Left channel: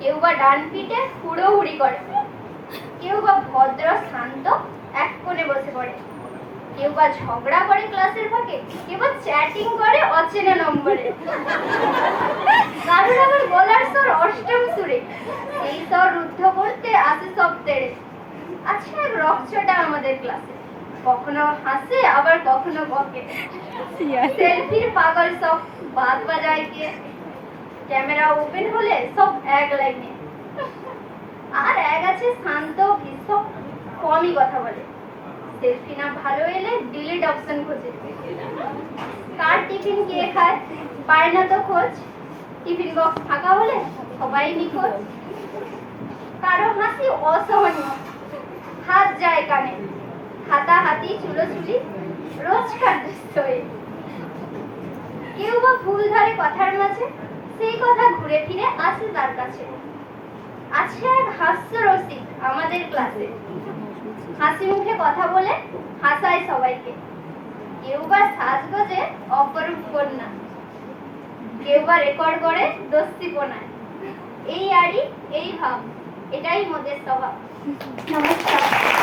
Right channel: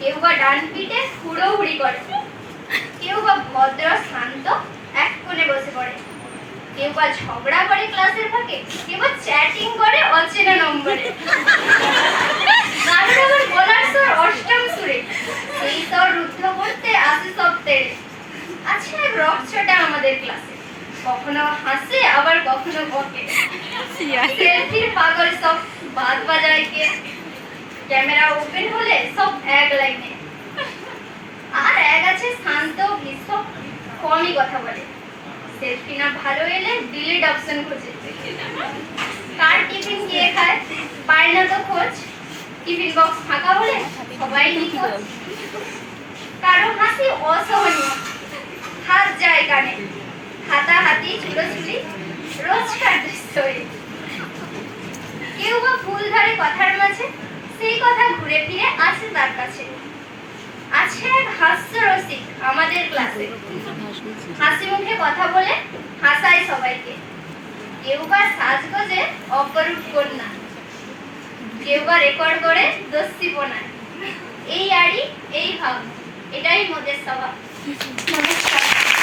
কেউ বা ডান পিঠে হুড়োহুড়ি করে, কেউ বা ভদ্র শান্ত এক কোণে বসে পড়ে, কেউ বা ঝগড়া করে ক্লাসের ফাঁকে, কেউ বা চ্যাটিং করে অচেনা নম্বরে। কারোর আবার গলার স্বর অষ্টম সুরে, সেই স্বর রুদ্ধ করতে আসে সব তেড়ে। আচ্ছা, এক রকচটা আমাদের ক্লাসে, কখনো হাসে আবার কখনো বকে। সেলফির পাগল সব বাদ বাজায় কে, ক্যামেরা ওপেন হলে সব এক লাইনে। আর এক আছে শান্ত ভীষণ, কমই কথা বলে, সেলফি না ভালো এলে ডিলিট অপশন খোঁজে। কার টিফিন কে খায় পায় না তো খোঁজ, টিফিন বক্স ফাঁকা হলে সবাই নিখোঁজ। কারো হাসি অসহনীয়, হাত যায় কানে, হাতাহাতি চুলোচুলি রোজকার দৃশ্য। কেউ বা ফুল ধরে কথার মাঝে, সেই কথা ঘুরে ফিরে আসে তার কাছে। আছে এক হাস্য রসিক আমাদের ক্লাসে, হাসি মুখে কথা বলে হাসায় সবাইকে। কেউ বা সাজগোজে অপরূপ কন্যা, কেউ বা রেকর্ড করে দস্তিপনায়। এই আড়ি এই ভাব, এটাই মোদের স্বভাব। নমস্কার।